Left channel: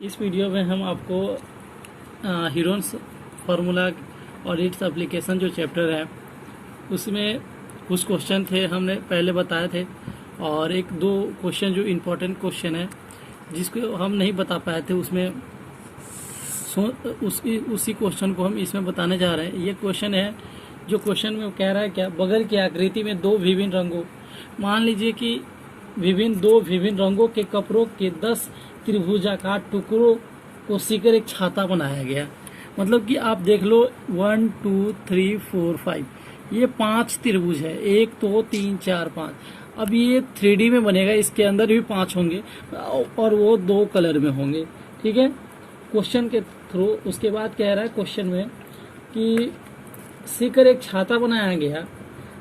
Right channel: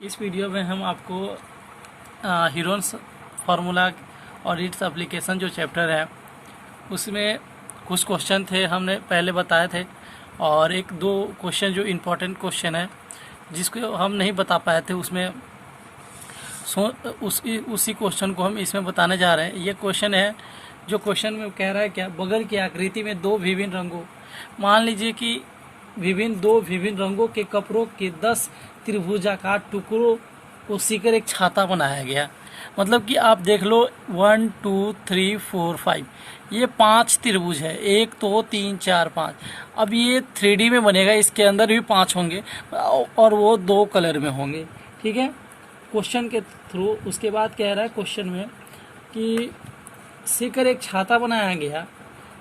इस वीडियो में हम आपको हीरोन्स फार्मूला और इट्स एप्लीकेशन जो चैप्टर है उसमें कुछ क्वेश्चन थे हमने पहले बताए थे, और एक दो क्वेश्चन जो इम्पोर्टेंट क्वेश्चन है जिसको हम नहीं बता पाए थे उसमें उसी क्वेश्चन को हम इसमें बताने जा रहे हैं। ये क्वेश्चन है जो क्वेश्चन में कह रहा है क्या, बगल की आकृति में दो विभिन्न रंगों, मान लीजिए कि दो विभिन्न रंगों के कपड़ों के 10 त्रिभुजाकार टुकड़ों को सीकर एक छाता बनाया गया। मतलब कि आप देख लो 1 2 3 4 5 ये 5 त्रिभुज है, 1 2 3 4 5। अब ये 3D में बनेगा, इसके अंदर भी 5 होंगे और वो 2 कलर में होंगे। ठीक है, क्वेश्चन के थ्रू। उसके बाद कह रहा है क्वेश्चन में कि सीकर एक छाता बनाया गया,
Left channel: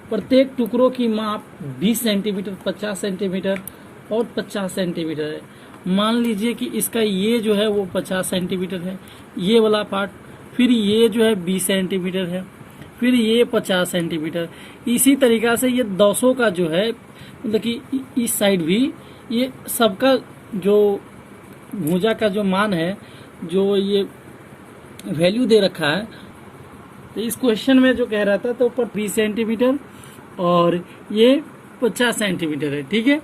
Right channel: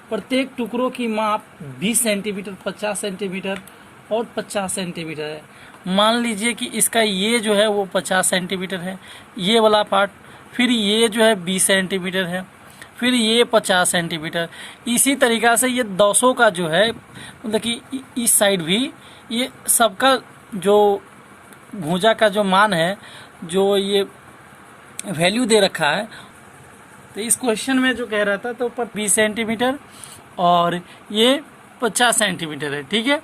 प्रत्येक टुकड़ों की माप 20 सेंटीमीटर, 50 सेंटीमीटर और 50 सेंटीमीटर है। मान लीजिए कि इसका ये जो है वो 50 सेंटीमीटर है, ये वाला पार्ट, फिर ये जो है 20 सेंटीमीटर है, फिर ये 50 सेंटीमीटर। इसी तरीक़ा से ये 200 का जो है, मतलब कि इस साइड भी ये सबका जो भुजा का जो मान है, जो ये वैल्यू दे रखा है। तो इस क्वेश्चन में जो कह रहा था तो 20 सेंटीमीटर और ये 50 सेंटीमीटर है। ठीक है,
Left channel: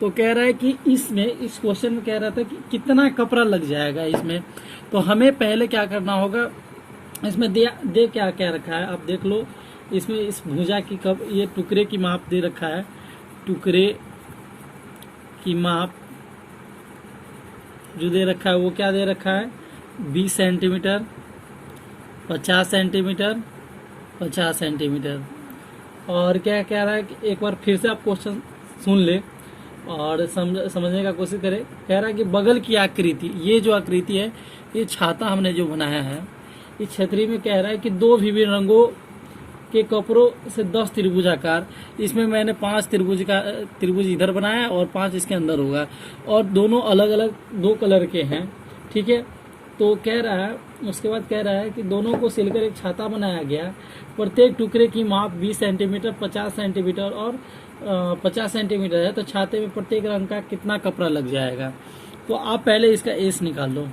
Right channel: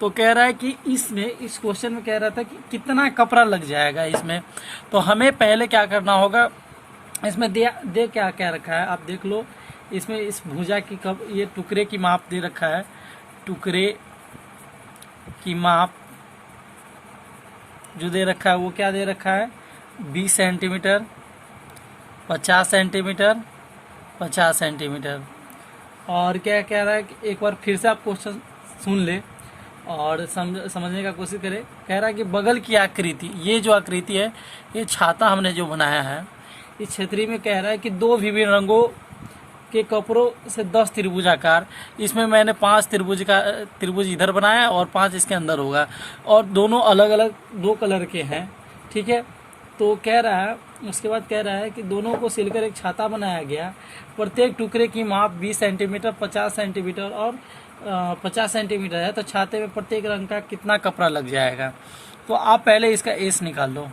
तो कह रहा है कि इसमें, इस क्वेश्चन में कह रहा था कि कितना कपड़ा लग जाएगा इसमें। तो हमें पहले क्या करना होगा, इसमें दे क्या क्या रखा है आप देख लो। इसमें इस भुजा की ये टुकड़े की माप दे रखा है, टुकड़े की माप जो दे रखा है वो क्या दे रखा है, 20 सेंटीमीटर, 50 सेंटीमीटर, 50 सेंटीमीटर। और क्या कह रहा है कि एक बार फिर से आप क्वेश्चन सुन ले और समझने का कोशिश करें। कह रहा है कि बगल की आकृति, ये जो आकृति है, ये छाता हमने जो बनाया है, इस क्षेत्र में कह रहा है कि दो विभिन्न रंगों के कपड़ों से 10 त्रिभुजाकार, इसमें मैंने 5 त्रिभुज इधर बनाया और 5 इसके अंदर होगा, और दोनों अलग अलग 2 कलर के हैं। ठीक है, तो कह रहा है, उसके बाद कह रहा है कि दोनों को सिलकर एक छाता बनाया गया, प्रत्येक टुकड़े की माप 20 सेंटीमीटर, 50 सेंटीमीटर और 50 सेंटीमीटर है। तो छाते में प्रत्येक रंग का कितना कपड़ा लग जाएगा। तो आप पहले इसका एस निकाल लो।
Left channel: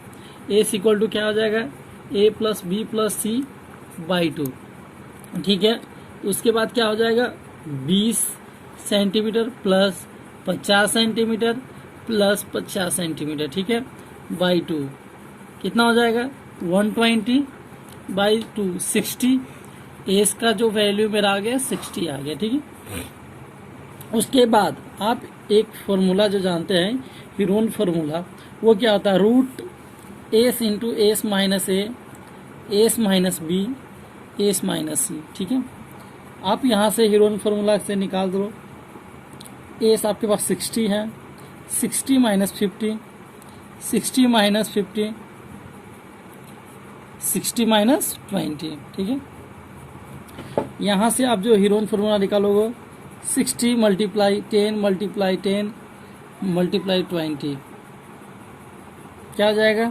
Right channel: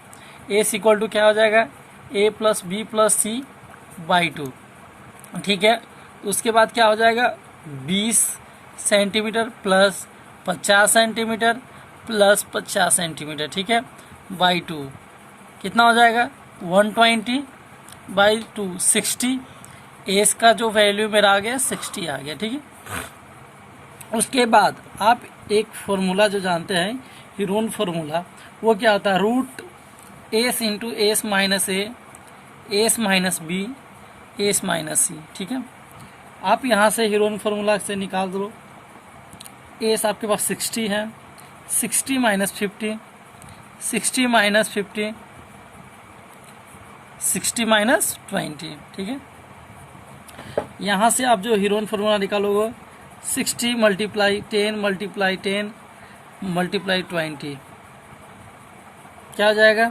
एस इक्वल टू क्या हो जाएगा, a plus B plus C by 2। ठीक है, उसके बाद क्या हो जाएगा, 20 centimetre plus 50 centimetre plus 50 centimetre, ठीक है, बाई 2 कितना हो जाएगा, 120 बाई 2 60। एस का जो वैल्यू मेरा आ गया 60 आ गया। ठीक है, उसके बाद आप एक फॉर्मूला जो जानते हैं, हीरोन फार्मूला, वो क्या होता है, root S into S minus A, S minus B, S minus C. ठीक है, आप यहाँ से हीरोन फार्मूला से निकाल दो। एस आपके पास 60 है, 60 माइनस 50, 60 माइनस 50, 60 माइनस 20। ठीक है, यहाँ से आप जो हीरोन फार्मूला निकालोगे, 60 मल्टीप्लाई 10 मल्टीप्लाई 10 मल्टीप्लाई 20 क्या हो जाएगा,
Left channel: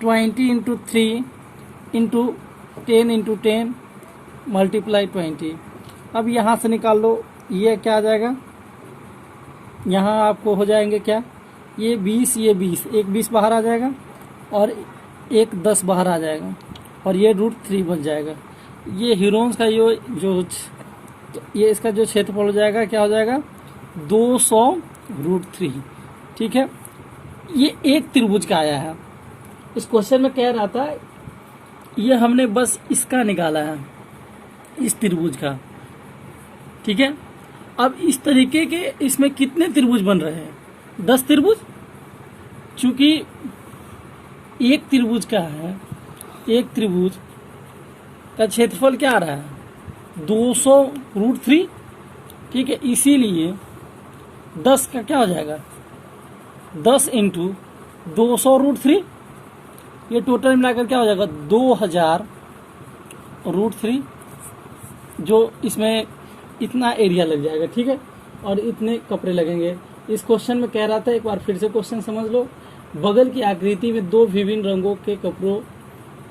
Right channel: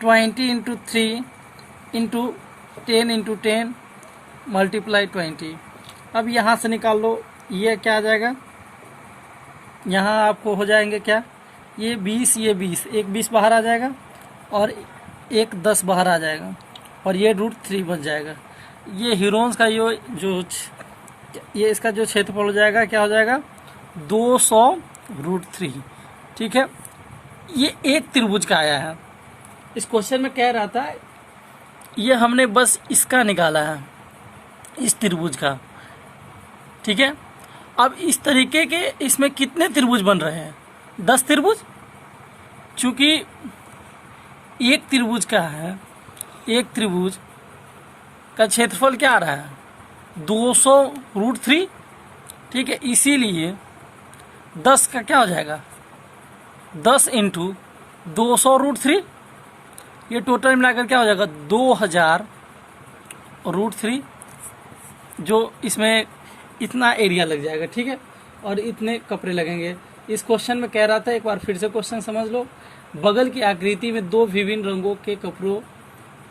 20 इंटू 3 इंटू 10 इंटू 10 मल्टीप्लाई 20। अब यहाँ से निकाल लो, ये क्या आ जाएगा, यहाँ आपको हो जाएंगे क्या, ये 20, ये 20, एक 20 बाहर आ जाएगा और एक 10 बाहर आ जाएगा, और ये √3 बन जाएगा। ये हीरोन्स का ये इसका जो क्षेत्रफल हो जाएगा, क्या हो जाएगा, 200 √3। ठीक है, ये एक त्रिभुज का आया है। इस क्वेश्चन में कह रहा था, ये हमने बस इसका निकाला है, इस त्रिभुज का। ठीक है, अब इस तरीके के इसमें कितने त्रिभुज बन रहे हैं, 10 त्रिभुज। चूंकि एक त्रिभुज का है, एक त्रिभुज का क्षेत्रफल क्या आ रहा है, 200 √3। ठीक है, इसीलिए 10 का क्या हो जाएगा, 10 इंटू 200 √3, ये टोटल मिलाकर क्या हो जाएगा, 2000 √3, जो इसमें इतना एरिया लग जाएगा। ठीक है, और इतने कपड़े लगेंगे। इस क्वेश्चन में कह रहा था, एक बार फिर से क्वेश्चन समझ लो, बगल की आकृति में दो विभिन्न रंगों के कपड़ों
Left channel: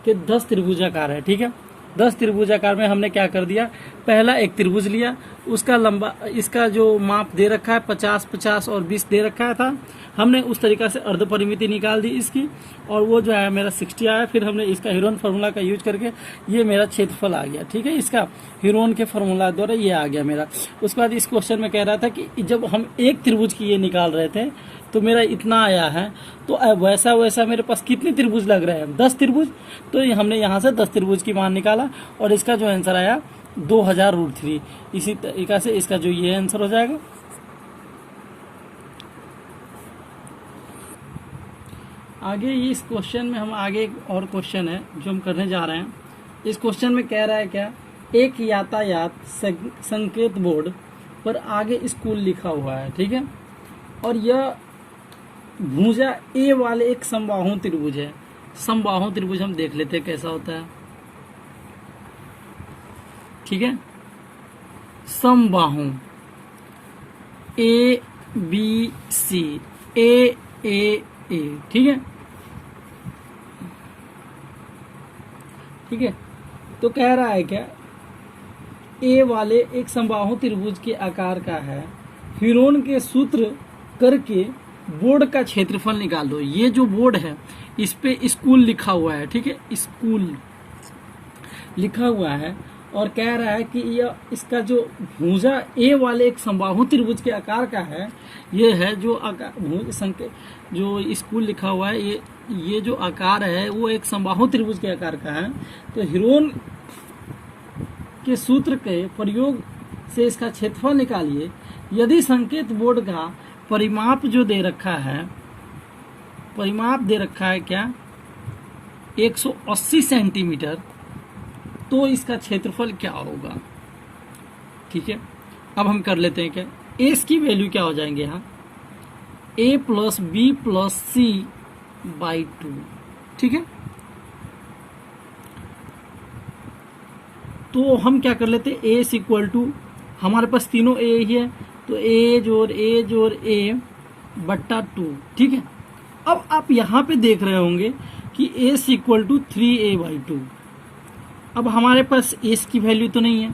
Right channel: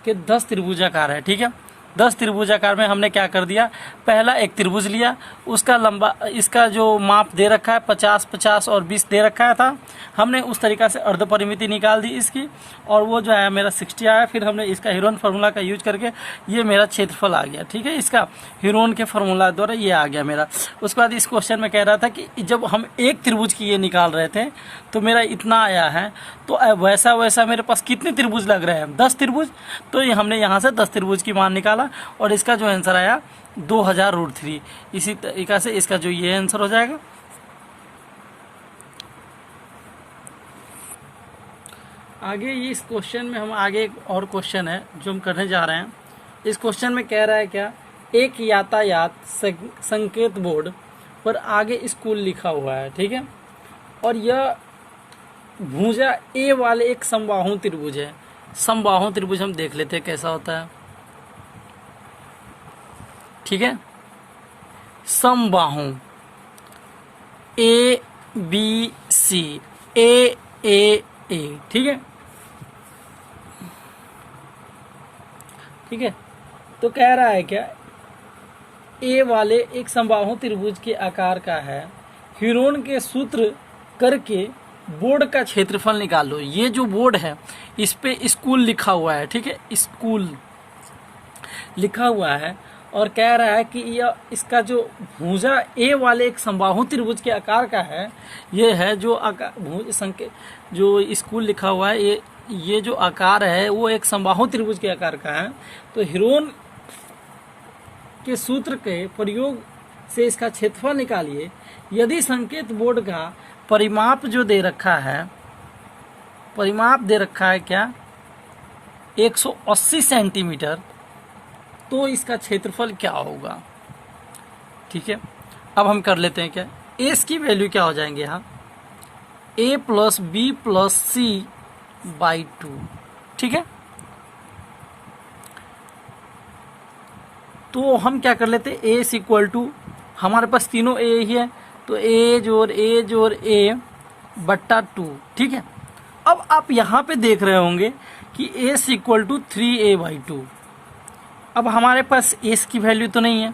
के 10 त्रिभुजाकार है। ठीक है, 10 त्रिभुजाकार में हमने क्या कर दिया, पहला एक त्रिभुज लिया, उसका लंबा, इसका जो माप दे रखा है 50, 50 और 20 दे रखा था, हमने उस तरीका से अर्ध परिमिति निकाल दी इसकी, और वो जो है मेरा 60 आया। फिर हमने इसका हीरोन फार्मूला का यूज करके ये मेरा क्षेत्रफल आ गया, ठीक है, इसका हीरोन के फार्मूला द्वारा ये आ गया मेरा। उसके बाद इस क्वेश्चन में कह रहा था कि जब हम एक त्रिभुज की ये निकाल रहे थे तो मेरा इतना आया है, तो वैसा वैसा मेरे पास कितने त्रिभुज लग रहे हैं, 10 त्रिभुज। तो ये हमने यहाँ से 10 त्रिभुज की मान निकाला और इसका जो आंसर आया 2000√3। इसी तरीका से इसका जो ये आंसर हो जाएगा। आगे इस क्वेश्चन में हम आगे एक और क्वेश्चन है जो हम करने जा रहे हैं। इस क्वेश्चन में कह रहा है क्या, एक यातायात संकेत बोर्ड पर आगे स्कूल लिखा हुआ है, ठीक है, और यह भुजा ए वाले एक समबाहु त्रिभुज है। समबाहु त्रिभुज हम देख लेते हैं कैसा होता है, ठीक है। समबाहु ABC, A, ठीक है, ठीक है। तो कह रहा है क्या, ए वाले एक समबाहु त्रिभुज के आकार का है, हीरोन के सूत्र करके बोर्ड का क्षेत्रफल निकाल लो। ये जो बोर्ड है इस पे स्कूल लिखा हुआ है, ठीक है, स्कूल लिखा हुआ है, और कह रहा है कि यह इसका जो भुजा ए वाले एक समबाहु त्रिभुज के आकार का है, ये है जो संकेत जो स्कूल लिखा हुआ है, ये जो आकार है वो एक समबाहु त्रिभुज के आकार का है। तो हीरोन के सूत्र के प्रयोग से इसका क्षेत्रफल निकालिए। यदि संकेत बोर्ड का परिमाप जो दे रखा है, परिमाप दे रखा है क्या, 180 सेंटीमीटर, तो इसका क्षेत्रफल क्या होगा, ठीक है। अब हम कर लेते हैं क्या, एस की वैल्यू क्या हो जाएंगे यहाँ, a + b + c/2, ठीक है। तो हम क्या कर लेते हैं, a = हमारे पास तीनों a ही है, तो a जोड़ a बट्टा 2, ठीक है। अब आप यहाँ पे देख रहे होंगे कि a = 3a/2। अब हमारे पास s की वैल्यू तो नहीं है,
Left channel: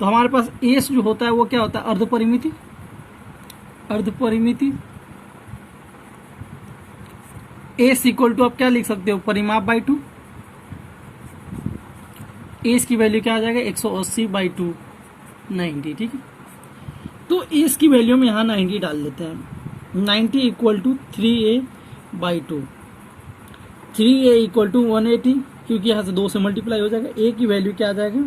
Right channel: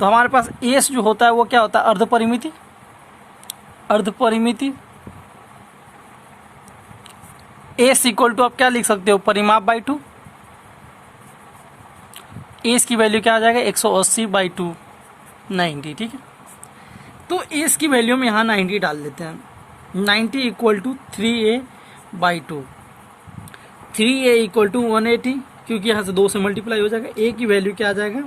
तो हमारे पास s जो होता है वो क्या होता है, अर्ध परिमिति। अर्ध परिमिति s = आप क्या लिख सकते हो, परिमाप बाई 2। s की वैल्यू क्या आ जाएगा, 180/2, 90, ठीक है। तो s की वैल्यू में यहाँ 90 डाल देते हैं। 90 = 3a/2, 3a = 180, क्योंकि यहाँ से 2 से मल्टीप्लाई हो जाएगा। a की वैल्यू क्या आ जाएगा,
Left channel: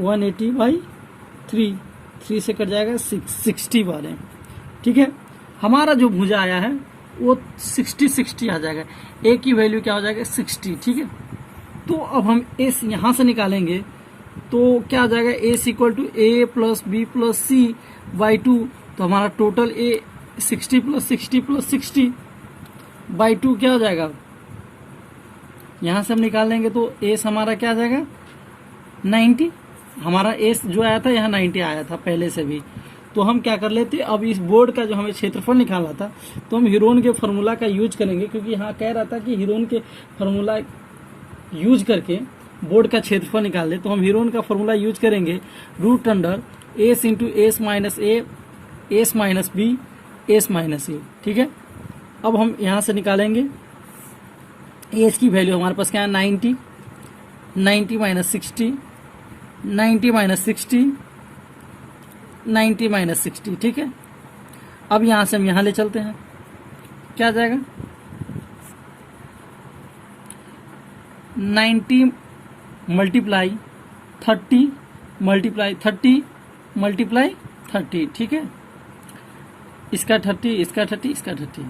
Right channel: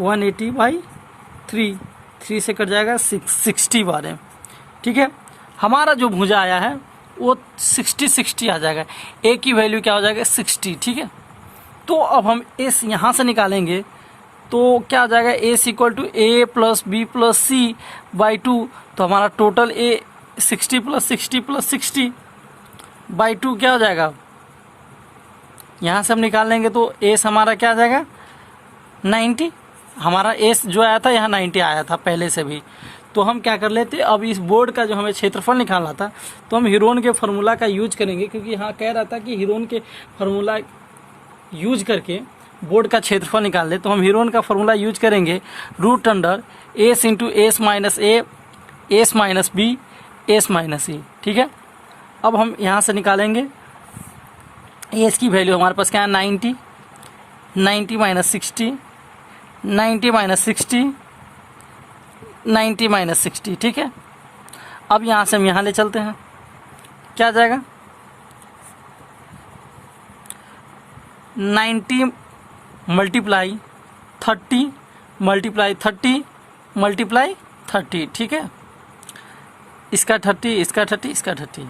180/3, 3 से कट जाएगा 60 बार, ठीक है। हमारा जो भुजा आया है वो 60 आ जाएगा। a की वैल्यू क्या हो जाएगा, 60, ठीक है। तो अब हम s यहाँ से निकालेंगे तो क्या हो जाएगा, a = a + b + c/2, तो हमारा टोटल a 60 + 60 + 60/2 क्या हो जाएगा, यहाँ से हम निकाल लेंगे तो s हमारा क्या आ जाएगा, 90। हमारा s जो आया था यहाँ 90 आया था पहले से भी। तो हम क्या कर लेते, अब इस बोर्ड का जो हमें क्षेत्रफल निकालना था तो हम हीरोन के फार्मूला का यूज करेंगे, क्योंकि यहाँ कह रहा था कि हीरोन के फार्मूला यूज करके बोर्ड का क्षेत्रफल निकाल ले। तो हम हीरोन का फार्मूला यूज करेंगे, √s × s - a, s - b, s - e, ठीक है। अब हम यहाँ से निकालेंगे s की वैल्यू हमारे पास क्या है, 90, 90 - 60, 90 - 60, 90 - 60, ठीक है। अब यहाँ से हम यहाँ ले चलते हैं, क्या आ जाएगा, 90 × 30 × 30 × 30, ठीक है। इसका 30, इसका 30, इसका 30।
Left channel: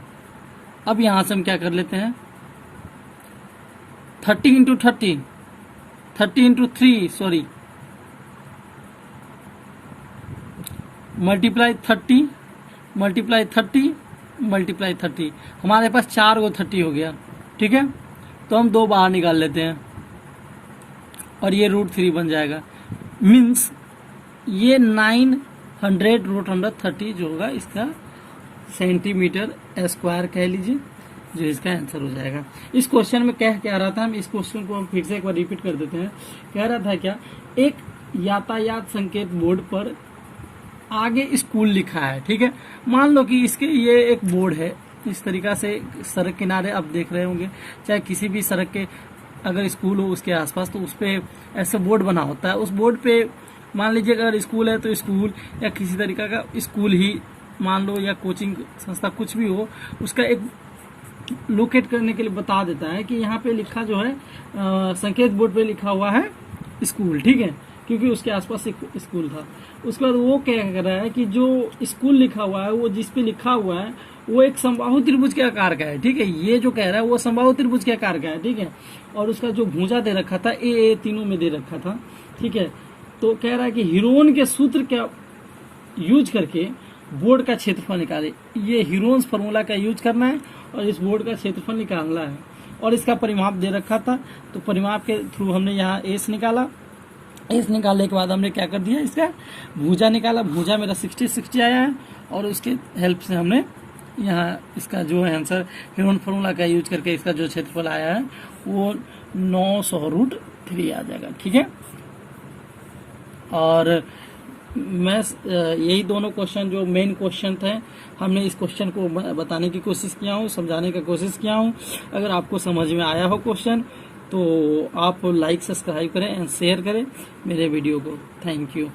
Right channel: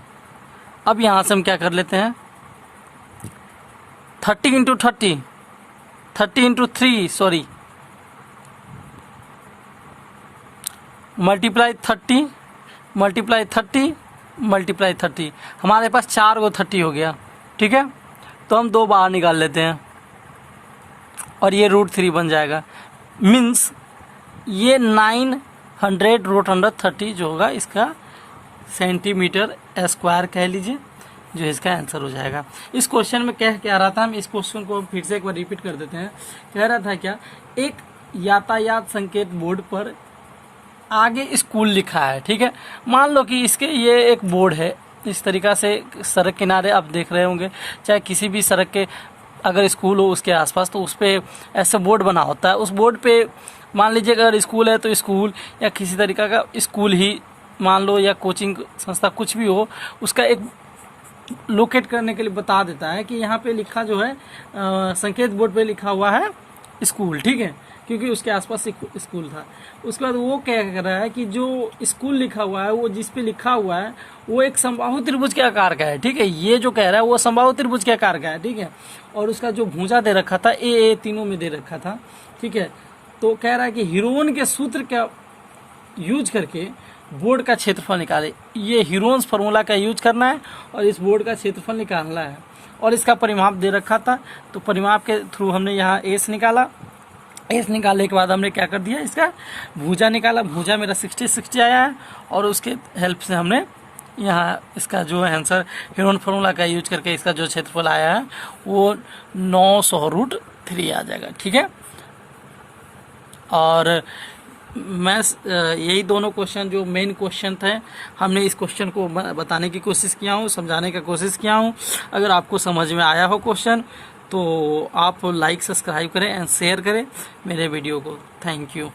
अब यहाँ से हम क्या कर लेते हैं, 30 × 30, 30 × 3, सॉरी, मल्टीप्लाई 30 × 30 × 30, हमारे पास 4 गो 30 हो गया, ठीक है। तो हम 2 बाहर निकाल लेते हैं और ये √3 बन जाएगा। मीन्स ये 900 √130 जो होगा इसका सेंटीमीटर स्क्वायर कह लीजिए, जो इसका आंसर हो जाएगा। इस क्वेश्चन में कह क्या रहा था, हम इस क्वेश्चन को फिर से एक बार रिपीट कर देते हैं। कह रहा था क्या, एक यातायात संकेत बोर्ड पर आगे स्कूल लिखा है, ठीक है। मान लो कि इसके ये एक बोर्ड है, इस तरीका से सड़क किनारे आप देख रहे होंगे, चाहे किसी भी सड़क के अगर स्कूल हो उसके आसपास, तो उस पे ऐसे बोर्ड बना होता है। उस बोर्ड पे मान लीजिए अगर स्कूल है तो स्कूल या किसी तरीका का स्कूल ही मान लो, या कोचिंग संस्था कुछ भी हो, उसका एक लोकेट करने के लिए बता देता है कि यहाँ पे लिखा जो है संकेत बोर्ड पे लिखा हुआ है स्कूल, ठीक है, क्योंकि उसके आसपास एक स्कूल था। उसके बाद वो क्या कर रहा है कि जो स्कूल लिखा हुआ है, वो जिस पे लिखा हुआ है वो एक समबाहु त्रिभुज के आकार का है, ठीक है। ये जो कह रहा है वो समबाहु त्रिभुज के आकार का है, ठीक है। और उसका जो भुजा दे रखा था ए तीनों में दे रखा था, ठीक है। तो कह रहा है कि हीरोन के सूत्र का यूज करके बोर्ड का क्षेत्रफल निकाले। ये हीरोन्स फार्मूला का यूज करना है और इस बोर्ड का क्षेत्रफल निकालना है। और इसका परिमाप दे रखा था, तो परिमाप के थ्रू हमने यहाँ एस निकाला। एस निकालने के बाद हमने क्या कर दिया, इसका भुजा निकाला। भुजा मेरा 60 आया है और उसके हेल्प से हमने यहाँ इसका जो है आंसर हीरोन फार्मूला का यूज करके इसका जो क्षेत्रफल आया है वो 900√3 आ जाएगा, ठीक है। और मैं यही दोनों क्वेश्चन जो मेन क्वेश्चन थे, हमने इस क्वेश्चन को बताने की कोशिश किया हूँ, समझाने की कोशिश किया हूँ। अगर आपको समझ में आया हो क्वेश्चन तो आप लाइक सब्सक्राइब करें एंड शेयर करें मेरे वीडियो को। Thank you.